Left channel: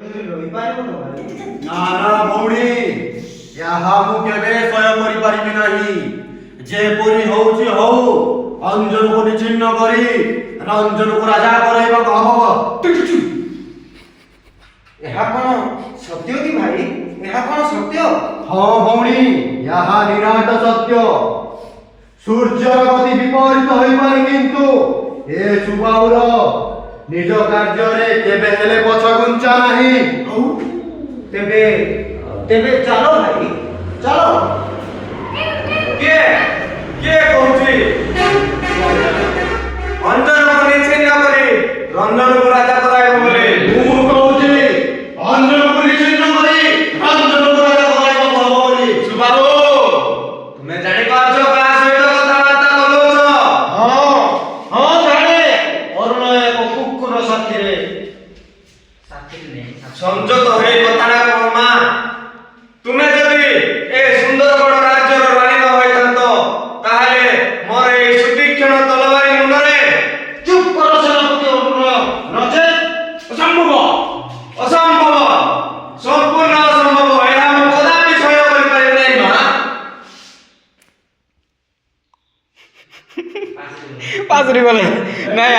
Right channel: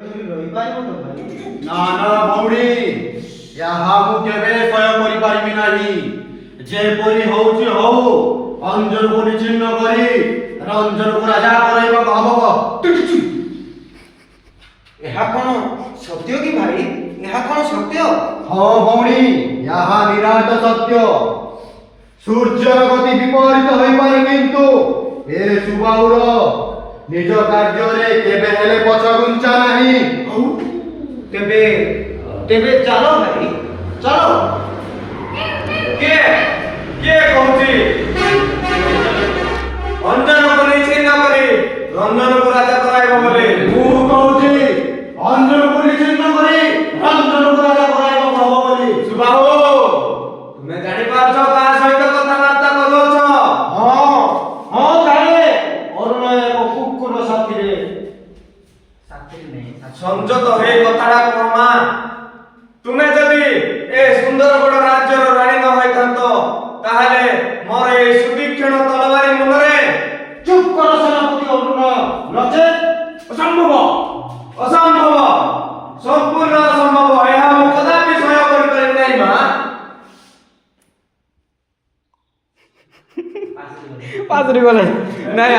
ନା ନା ଭଉଣୀ, ଏହା ମୁଁ କେବେ ସହ୍ୟ କରିପାରିବି ନାହିଁ। ଯେପରି ହଉଛି ହଉ, ଅଞ୍ଜନକୁ ନିଚ୍ଛିନ୍ନ କରି ରଞ୍ଜନକୁ ରାଜା କରାଇବାକୁ ହବ। ଏହା କଣ ସତ୍ୟ କି ଭାଇ? ଏହା କଣ ସତ୍ୟ? ହଁ ଭଉଣୀ, ଏହା ନିରାଟ ସତ୍ୟ। ସୂର୍ଯ୍ୟର ଗତି ବିପରୀତ ହୋଇପାରେ, କିନ୍ତୁ ଏ ସୁବାହୁର ନିଜ କାର୍ଯ୍ୟରେ କେବେ ହେଲେ ପଛଘୁଞ୍ଚା ନାହିଁ। ତେବେ ତେବେ ଚାଲ ଭାଇ, ଚାଲ। କିଏ କିଏ କହୁଛି ଅଞ୍ଜନକୁ ନିଚ୍ଛିନ୍ନ କରି ରଞ୍ଜନକୁ ରାଜା କରାଇବ ବୋଲି? ମୁଁ କହୁଛି ଅଞ୍ଜନକୁ ନିଚ୍ଛିନ୍ନ କରି ରଞ୍ଜନକୁ ରାଜା କରାଇବାକୁ ହବ ବୋଲି। ସୁବାହୁ, ତୁମେ ଜାଣିପାରୁଛ କାହା ସହିତ କଥାବାର୍ତ୍ତା କରୁଛ? ହଁ ହଁ ଜାଣେ, ଅରୁଣ ଏକ କୁକୁର ସାଥିରେ। ସଂଯତ ହେଇ କଥାଟା କହମା। ତୁମେ ଯଦି ଏ ସୁନ୍ଦରଗଡ଼ ରାଜ୍ୟର ରାଣୀ ନ ହୋଇଥାନ୍ତ, ତାହେଲେ ମୋର এই ସୁତୀକ୍ଷ୍ଣ ତଲବାରୀ ମୁନରେ ଚୁପ୍ କର ସେନାପତି ଅରୁଣ, ନଚେତ୍ ଅସମ୍ଭବ। ଅସମ୍ଭବ, ସମ୍ପୂର୍ଣ୍ଣ ଅସମ୍ଭବ। ଏହା ମୁଁ କଦାପି ସହ୍ୟ କରିପାରିବି ନାହିଁ ମା। ପାସରି ଗଲେ ନାଇଁ